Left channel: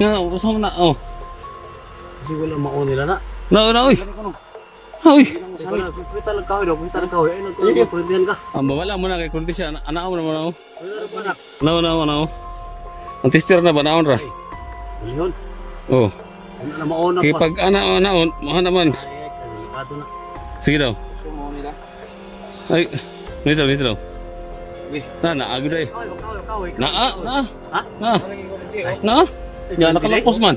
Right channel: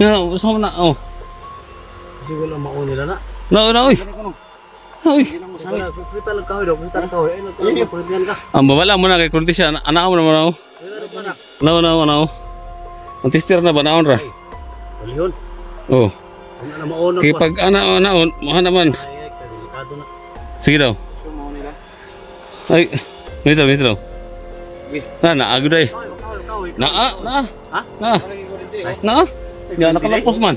Gusto mo na, oh. Kasi wala maon nila na. Na, oy. Oy. Kita ng kahoy daw, kita ng kahoy. Ay, nagkahoy, kurintihan ka. Ang babala mo na kay Kurti siya. Anak mo naman ako. Wala na. Na. Ang tester na ba naon ra? Malihon. Oh. Ano maon na Kay pa. pag naon, maha naman. Ay, delikado na. Sige daw. Gusto mo nila. Ay, nito daw. Sige. Na, agad ay. Kahoy. Na. Ha? Na. Ya, nakalapos man.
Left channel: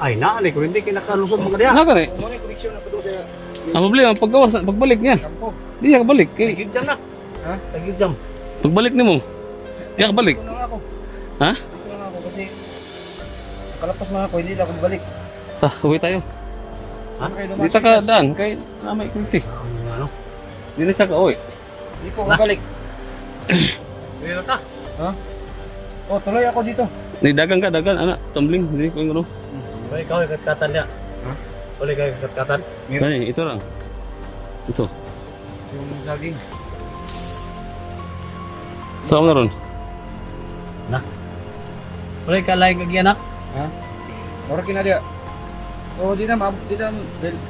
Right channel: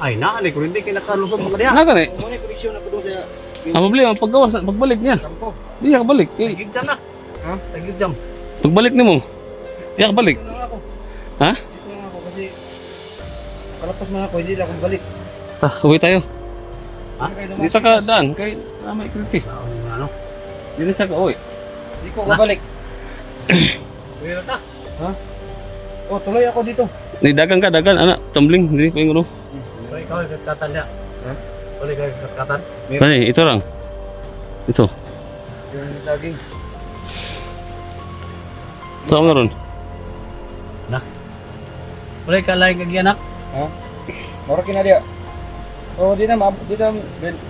Ay, na, ni kurinti kinakalusot mo kaya. Naka ni. Mo ni koneksyon na kudo sa Ang problema paggawas, pagbalik niya. kampo. Di ka balik. Kay Tagid jam na. Ha? Tagid jam. pagbalik nimo. Di ka balik. Dito na ako. Ha? Dito na ako kasi nakalapas man ako, hindi na ako balik. Uwi tayo. Ha? Dito ka daan kay namay Kurti. Ano? Dito sa ka uwi. Hindi ko kabalik. Dito ta. Ha? Oh, tuloy ako dito. Ni dagan anak, tumbling dili pa yung Tuloy ka katan ya. Ha? Tuloy ka katan. Bani, ito lang. Ito. Yung saging. Saan na ron? Na. Tuloy ka lain kag anak. Ha? Mora kina dia. Oh, di na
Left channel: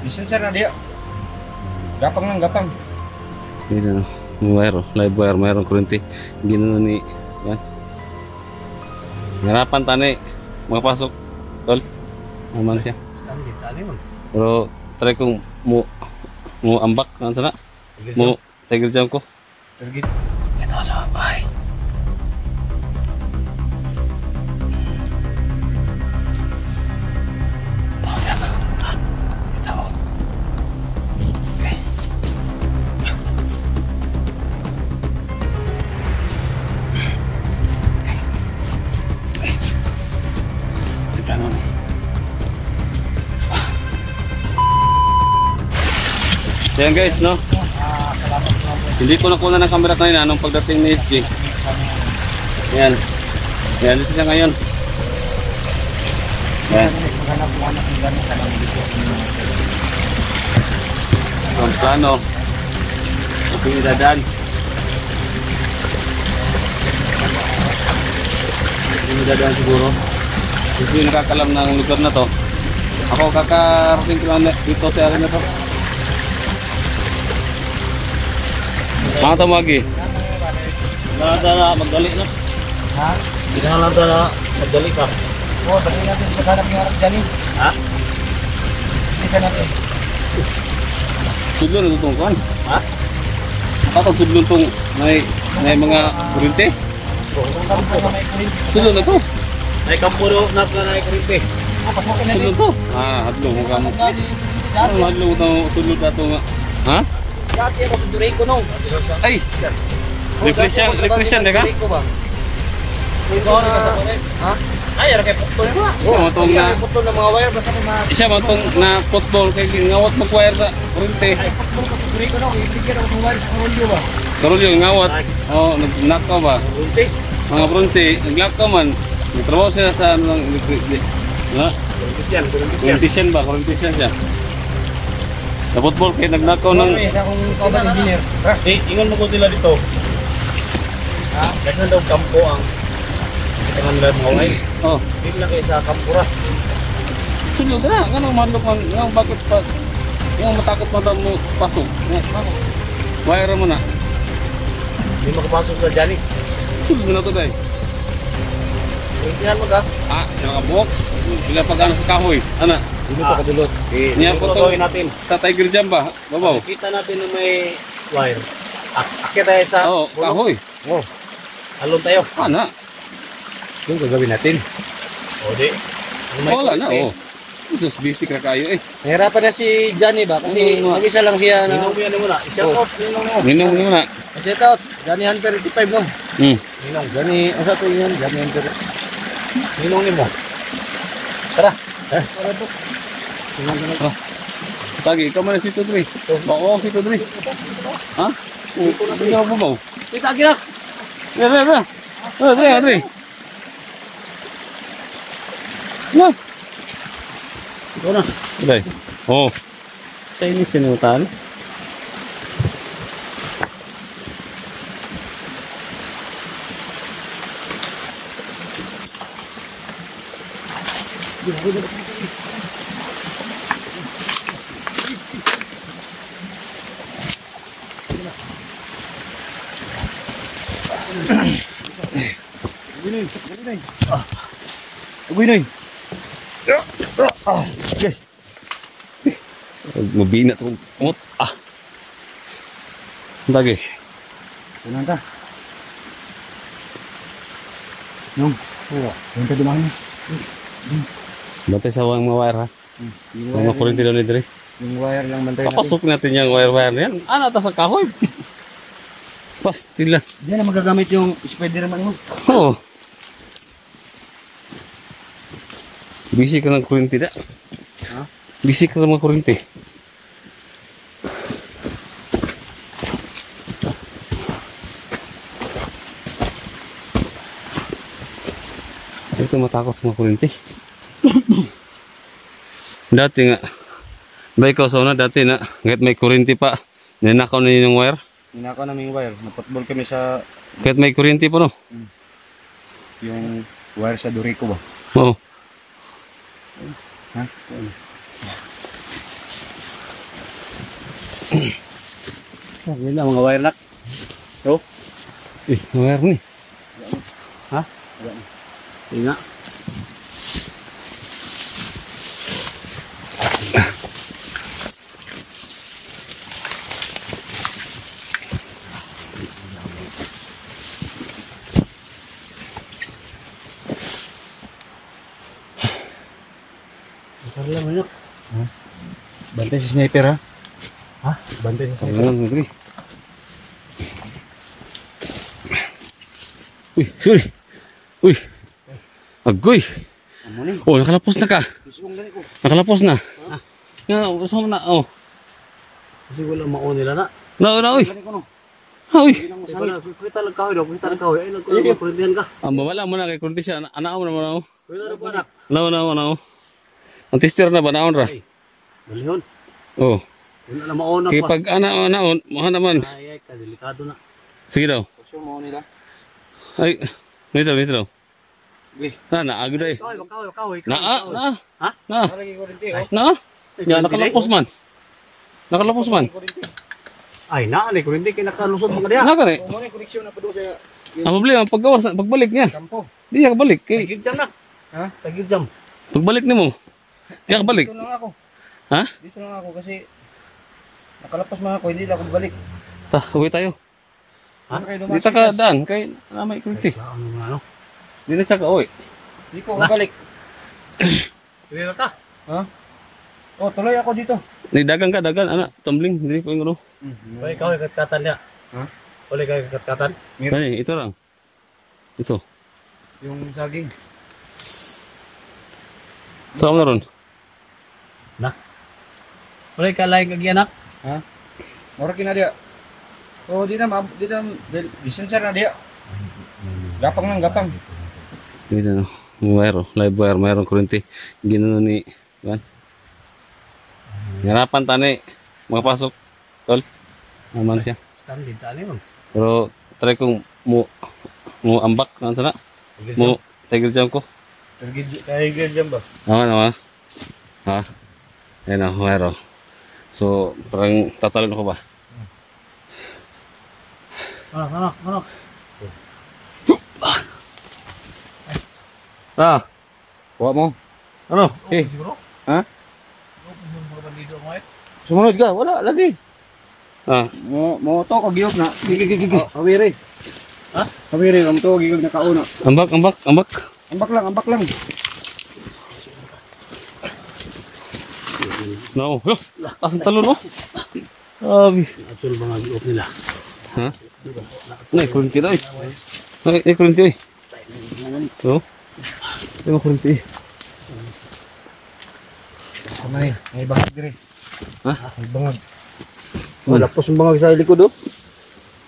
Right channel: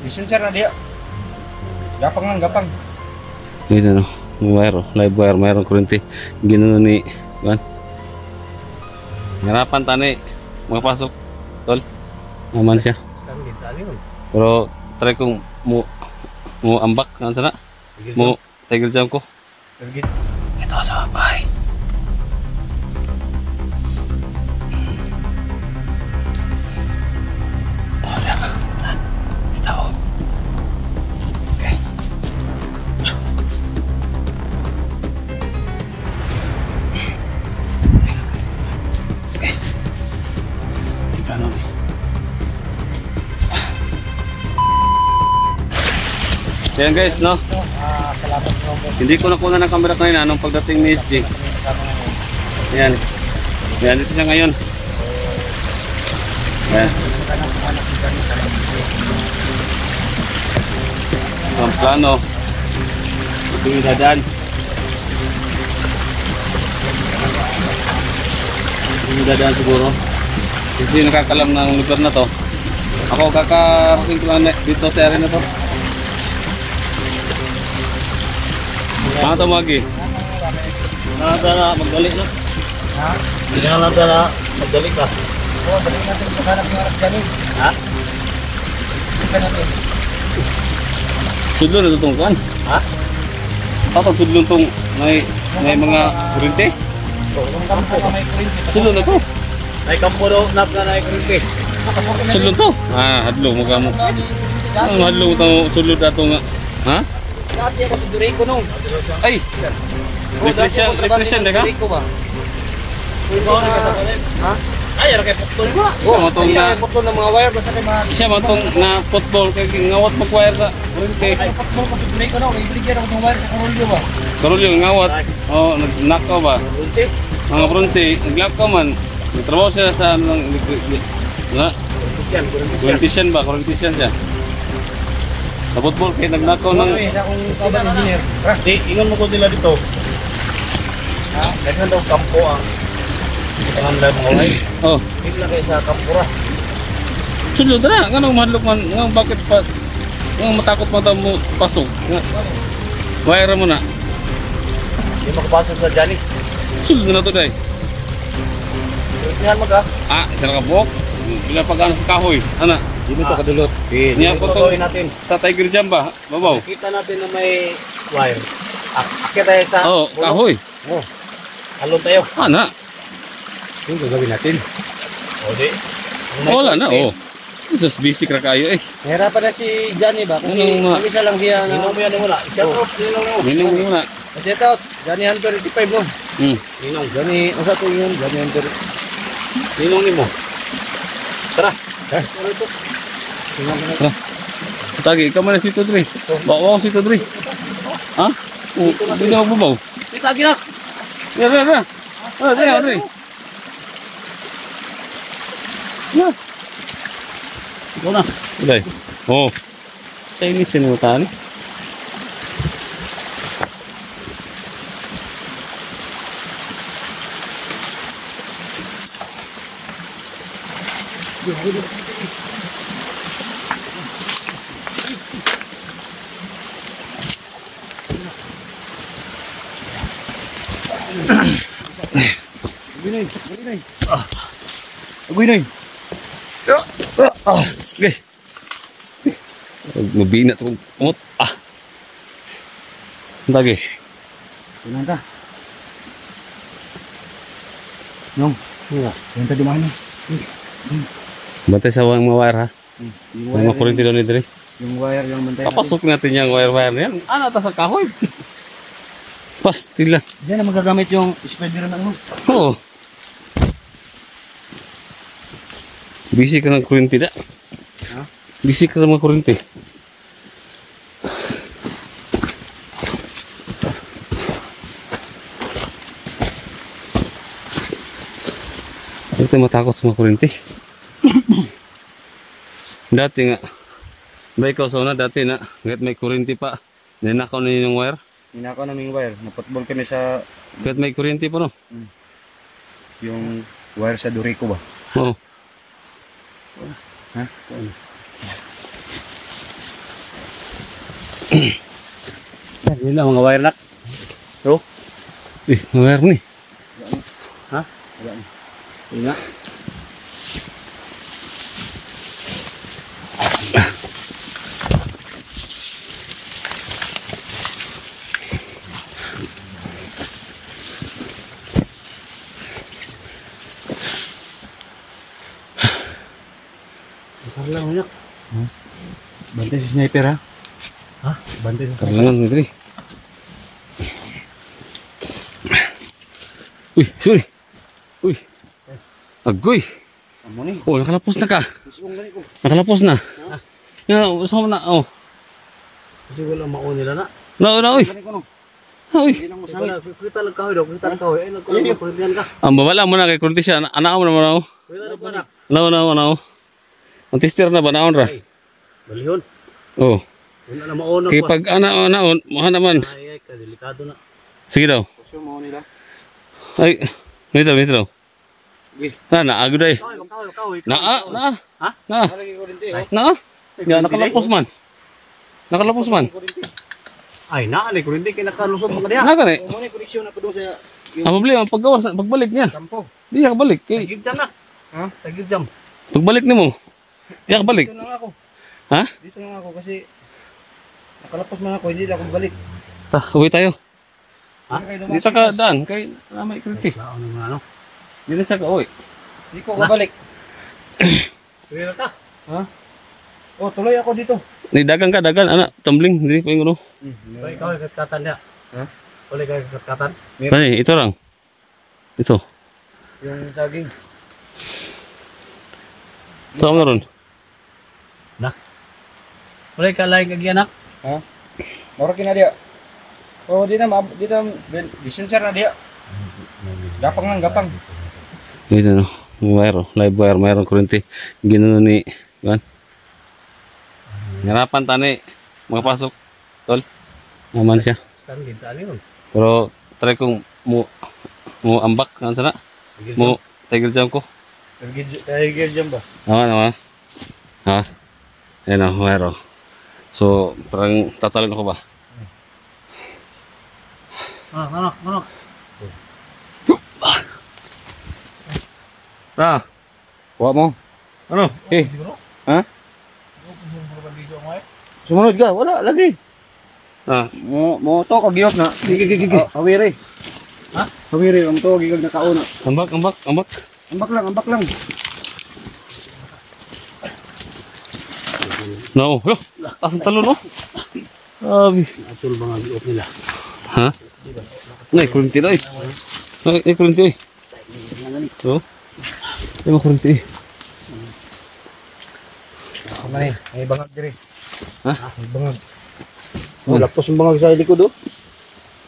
disensar na dia. Gapang. Dito no. Wire, live wire, mayroong kurente. Ginoon ni Juan. Ngarapan tani makapasok. Tol. Naman siya. Kami dali mo. Pero try kong mo ambak nang sana. Mo tiger jam ko. Ito sa bahay. Ayan guys, no? Hindi ko nakuha ng camera kanina nung pagdating ni SG. Ayan. Ayan, dito siya ngayon. Ayan. Ang plano. Ito yung dadaan. Ito yung dadaan siguro. Hindi nakakalam ng lugar na to. Ako kakarating ko lang dito sa area na to. Mga tamagi. Na magdali na. Ha? Hindi na lang na magdali ka. Oo, dali natin sa kanap yung harap dyan. Ha? Dali ka natin. Sudlo na itong kan? Ha? Patang sudlo itong may mga kurente? Sudlo na to? Ay, kampo daw na kurente. Sudlo to? Hadlong mo ka mo. Hadlong ito sudlo na ito. Ha? Dati ako sa Durico nung. Ay! Reflection na ka? Ba? Ha? Ay, ara kay putol ba? Oo, matong na... Putol ng mga wire basta kay mga... Isa matong na football kay ngawat mag-wire sa kurente. Ay, putol ko sa Durico nung. May bigyan ako ng wire sa Karolyo ba? Karol yung ngawat. Oo, nag-knock ba? Bronze? Mga bronze, nag-lock ka man. Nagtrabaho siya sa ano lang... Kurentisyan ba? Kurentisyan siya. Sa football kay nagnakaw ng... Okay, sa akong kaban engineer. Inon mo ko sila dito. Kasi daw kampo ang itangan nila mga ulay. Oh. Hindi lang kayo sa kampura. Sulod na, anong mahalok man, bakit pa, matakot mo daw mo pasok. Wire mo na. Hindi makapasok sa Johnny. Sulod na to day. Kurentihan mo ka. Isa na ka buhok. Bila pag ano sa kahoy. Ana. Dito to kadulot. Niya po to. Natin. Sa Tiger Jam ba? Babaw. Kita natin na may wire. Akit tayo sa Oo, kahoy. Oh. Alon tayo. Ana. Yung gagawin natin. O di. Wala na, oh. Sus, basic na kayo eh. Nahirapan na si Johnny ba? Kasi mag-isa lang siya. Ninong mo yan muna. I-shout out. Ninong mo. Ninong mo na. I-shout out. Johnny Hunter 85 no? Ninong. Johnny. Ang sa ito yun. Johnny Hunter. Ninong ni mo. Tara. Tara to. Tara. Tagi, ikaw man na si Tudri. Bawa si Tudri. Ha? Hindi na mabubaw. Kita ginak. Tara. Tara. Nah. Ikaw na. Uday. Oh. Chinese yan yung tali. Agoy na. Okay. Mabina to. Umot. Lagi. Punan ta. Nong. Yan ta dumahan na. Bantay sa mga wire ha. Yung Mga kurinti daw ni Dre. Yung wire yung bantay natin. Papasok natin yung wire na yan. Ano ta sa kahoy? Pasti lang. Yan na magagamit yung Spider-Man mo. Oo. Busy ka ng kurinti da. Ha? Busy ka ng mga kurinti. Dati matakot sa mga kurinti. Dati nga. Ba ikaw sa una dati na. Kahit may kurinti pa. Ninakaw na yun yung wire. Ninakaw namin yung wire. Napotball kami sa Kahit may kurinti pa no. yung wire sa Dorico ba? Oo. Ha? Yun lang mga wire nak. Bro? Wire ni. Ha? Yun nga. Lang banyak. Bantay si sniper ha? Ha? Bantay si sniper. Kailangan Dre. Uy, sorry. Uy. Agoy. Amo ni. Oh, nakalapos na ka. Susong gani ko. Nakalapos na. Nga, gusto mo na. Oh. Kasi wala mao nila na. Na, uy. Gani ko no. Uy. Kita lang kahoy daw, kita lang kahoy. Ay nagkulang kurintihan ka. Ang babala mo na kay Kurti siya. Anak mo naman ako. Wala ba na? Na. Ang tester na ba naon ra? Balihon. Oh. Wala na mao na Kay pa. pag naon, maha naman. Ay, delikado na. Sige daw. Kasi mao nila. Ay, nito daw. Uy. Na, agad ay. Kahoy. Na. Ha? Na. Lagi kurinti oh. Na. Ya, nakalapos man. Nakalapos man. Ay, naali kurinti kay nakalusot mga diha. Naka ni. Mo ni koneksyon na kudo sa Ang problema paggawas, pagbalik niya. kampo. Di ka balik kay Tagid jam na. Ha? Tagid jam. pagbalik nimo. Di ka balik. Dito lang ako. Ha? Dito lang ako kasi nakalapas man ako, hindi na ako balik. Ta, uwi tayo. Ha? Dito ka daan kay namay Kurti. Ano nga ano? Di na siya ka uwi. Hindi ko balik. Tuloy ka? Ha? Oh, tuloy ako dito. Ni dagan ka, ana, tumbling diri pa yung Tuloy ka, katatan niya. Ha? Tuloy ka, katatan. Ay, ito lang. Ito. Yung saging. Saan na ron? Na. Tuloy ka, laing kagyan, nak. Ha? Mora kina dia. Oh, di na, disensar na dia. Gapang lang, gapang. Ito no. Wire, live wire, mayroong kurente. Ginoon ni, yan. Ngarapan tani, makapasok. Tol. Naman siya. Pero try kong mo ambak kan sana. Mo tiger jam ko. Tiger jam ba? Naman. Ha. Yan ang wire. So, parang tatalon ako ba? Manok. Ah. Kuha mo. Ano? Eh. Siguro? Ha? Sumunod ka, wala lagi. Ah, Mo to kagiyok na. gigi. Awiri. Ha? Awiri, am to gigag na kauna. Ambak. Ambak lang. No. Yo, taas ang talon, no? Sabi. Atul mga giok nila. Ha? Nay, kurunti na, eh. Ay, kurunti, eh. Oh. Ay, kurunti, eh. Kamay, ay bangag dire. Ha? Ay bangag. Wala po sa bangag sa likod oh.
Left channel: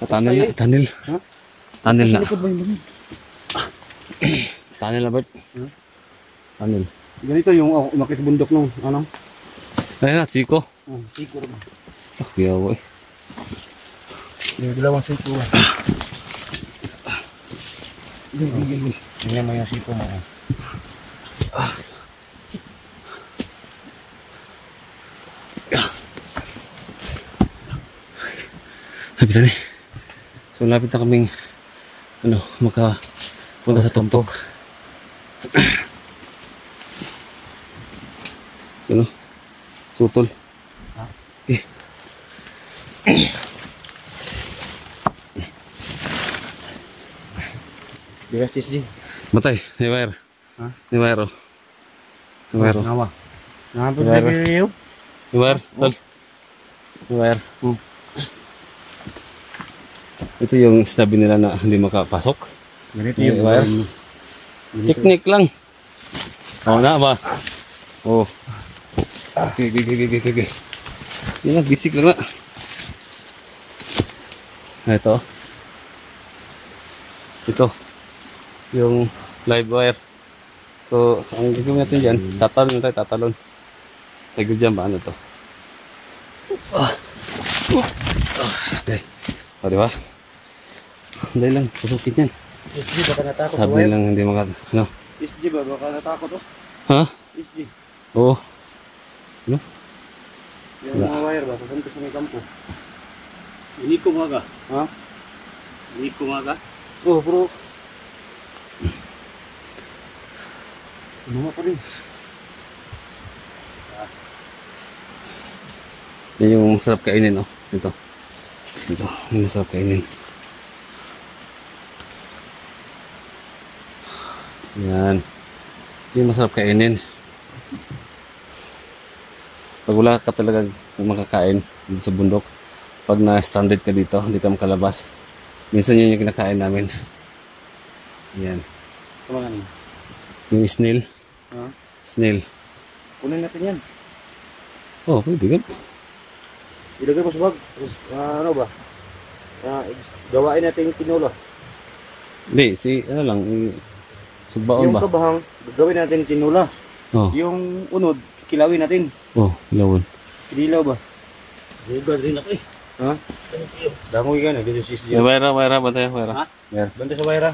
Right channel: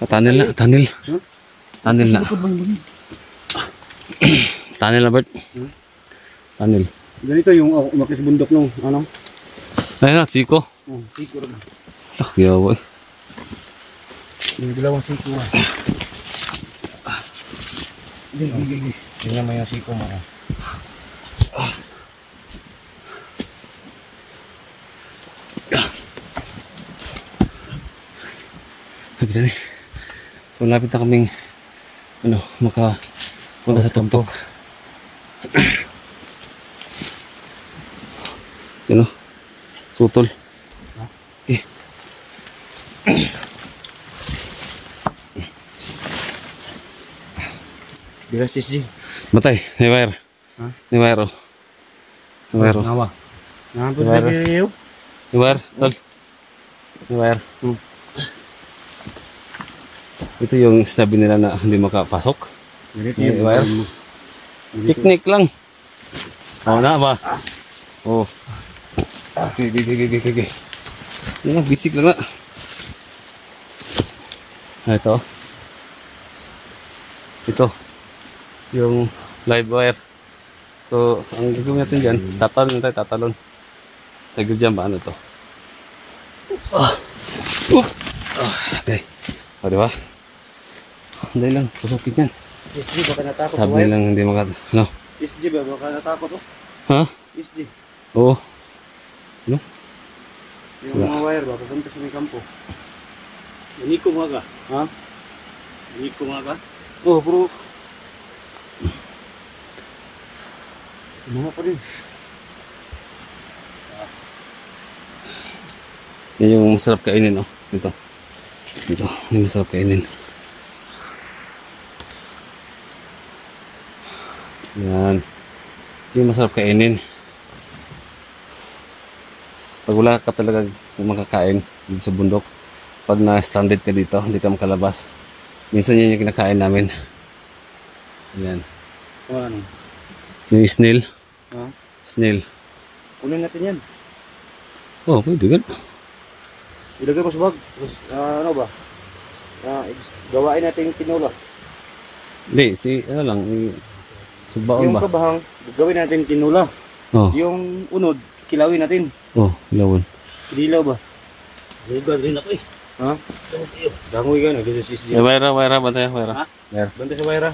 Tunnel na. Tunnel na. Likod bang bangag. Tunnel na, Bert. Tunnel. Ganito yung umakit sa bundok nung ano? Ay, na, Chico. Oh, sikuro. Kaya, boy. Yung dalawang sikuro. Gigi. Ganyan mo yung siko mo. lapitan eh. So lapit na kaming makapunta sa tuktok. Yun o, sutol. Okay. Bigas SG. Matay, may wire. May wire o. May wire o. Ngawa. Nabot Wire. na niyo. May wire, tol. May wire. Ito yung sabi nila na hindi makapasok. Ganito May yung wire. Technique lang. Oo na ba? Oo. Okay. Yan na, basic lang na. Ito. Ito. Yung live wire. So, ang gagawin natin dyan, tatalon na tayo, tatalon. Tagod dyan ba? Ano to? Okay. O, diba? Hindi lang, pusukin yan. SG, baka natakot sa Sabi wire. lang hindi ano? SG ba? Baka natakot oh. Ha? SG. Oo. Yung Wala. mga wire ba? Papunta sa mga kampo. Hindi ko mga ka. Ha? Hindi ko mga ka. Oh, bro. Sumama pa rin. Yan yung masarap kainin, oh. Ito. Ito, yung masarap kainin. Yan. Yung masarap kainin. Pag wala ka talaga makakain dito sa bundok, pag na-stranded ka dito, hindi ka makalabas. Minsan yun yung kinakain namin. Yan. Ano? Yung snail. Ha? Snail. Unin natin yan. Oh, pwede gan. Ilagay mo sa bag. Tapos, ano ba? Gawain natin yung tinola. Hindi, ano lang, subaon Yung ba? kabahang, gagawin natin tinola. Oh, Yung unod, kilawin natin. oh, ilawon. Kinilaw ba? Huwag rin ako eh. Ha? Dangoy ka na, dito si SG. Wire, ba tayo? Wire. Ha? Wire. Banda sa wire.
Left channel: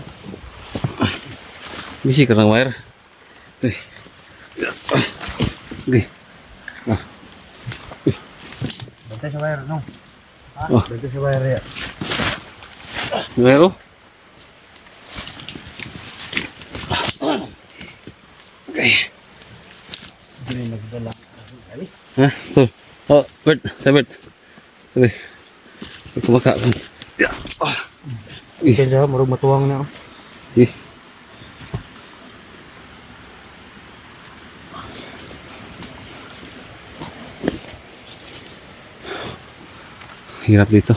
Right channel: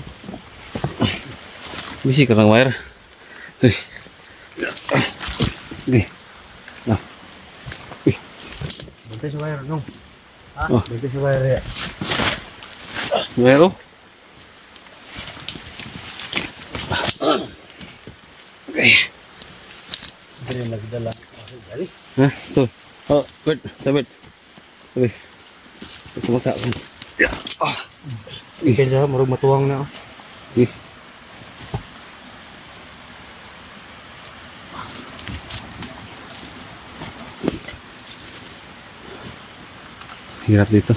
Busy ka ng wire. Uy. Okay. Ah. Banda sa wire, no? Ha? Oh. Banda sa wire ya. Wire, oh. Okay. Hindi rin nagdala. Ha? Ito. Oh, Bert. Sa Bert. Sabi. Kumakain. Ikan siya, marag matuwang na. Eh. Hirap dito.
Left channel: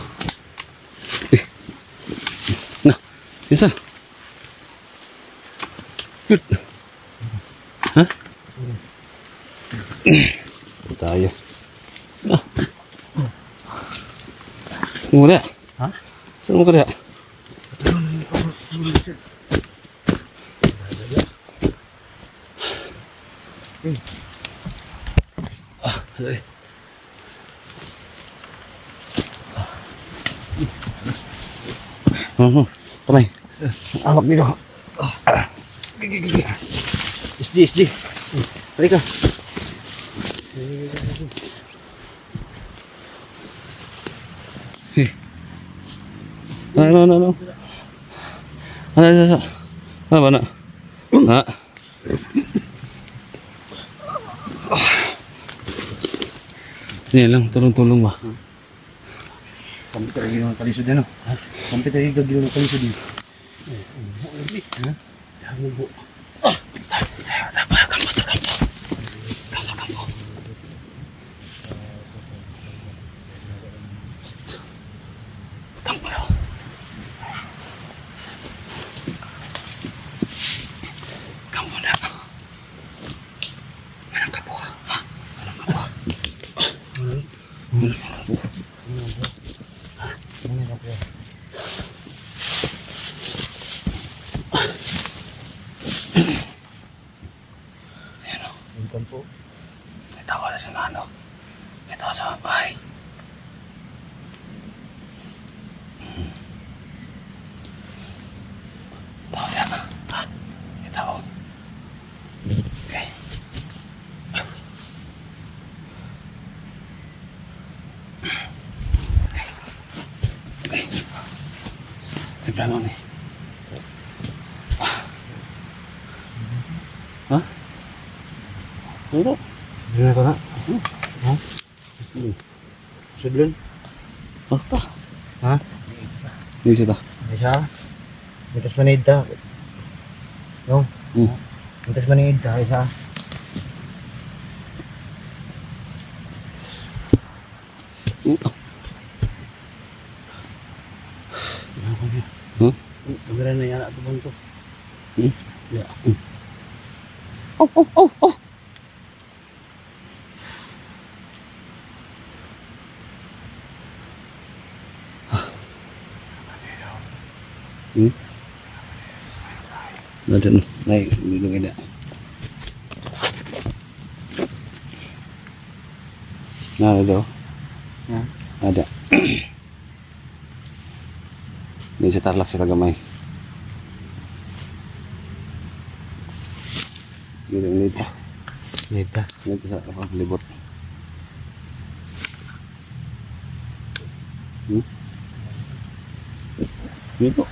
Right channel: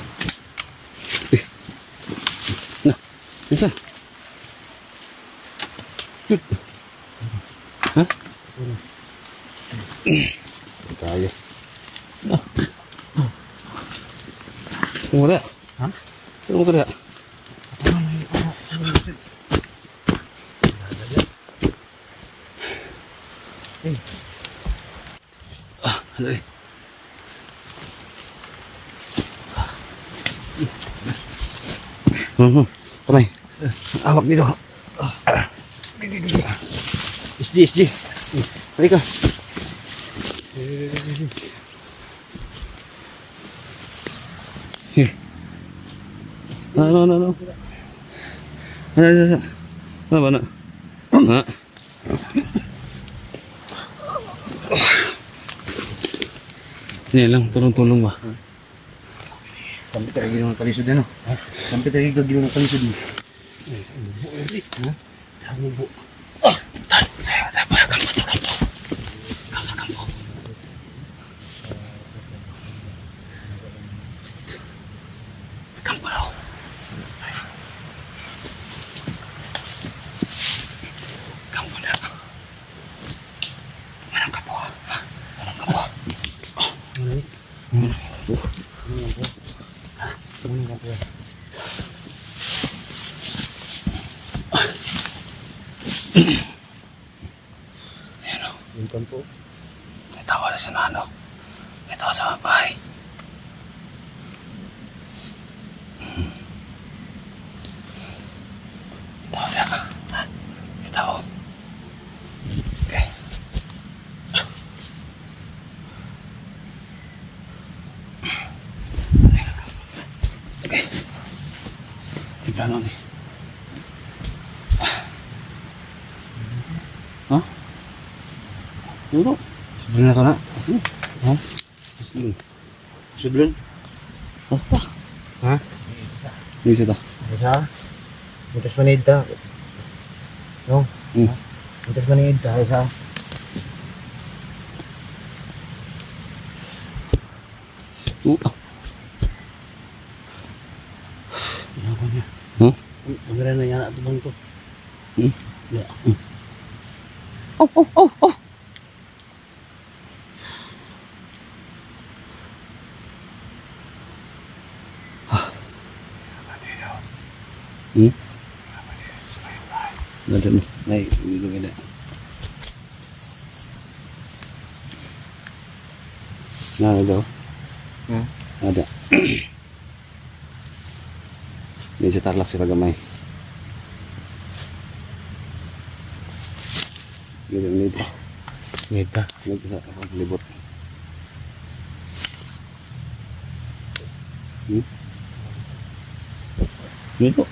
Eh. Nah, bisa. Good. Ha? Tayo. Ah. Saan mo kaya? Ha? Saan mo kaya? Ah, hello eh. Kamay. Awak dito. SG. Halika. Ano. Ano ba na? Ha? Yan lang, tulong-tulong ba? Sampai tayo ng kalisod ano? Sampai tayo gagawin ng kalisod din. Ha? Hambo. Tayo pa, kampo. Kampo raw. Kampo na. Manang kapo, ha? Manang kapo. Yan o. Yung kampo. Ito wala sa nano. Ito sa bahay. Ito wala. Ha? Ito o. Okay. Okay. Plano nih. Hah? Dulu. Bener to na? Hah? Sudlun. Apa? Ha? Ini sih toh. Isa. Mutas manida. No. Mutas manida isa. Yan ko niya. Kamera na yan ato bang to. Ya. Oh, oh, oh, oh. Ada nih, naik ujung ada. Nah itu, Ya. ada. Ini setarlah sila gamay. Dito. Nida. Dito sa libot. Dito.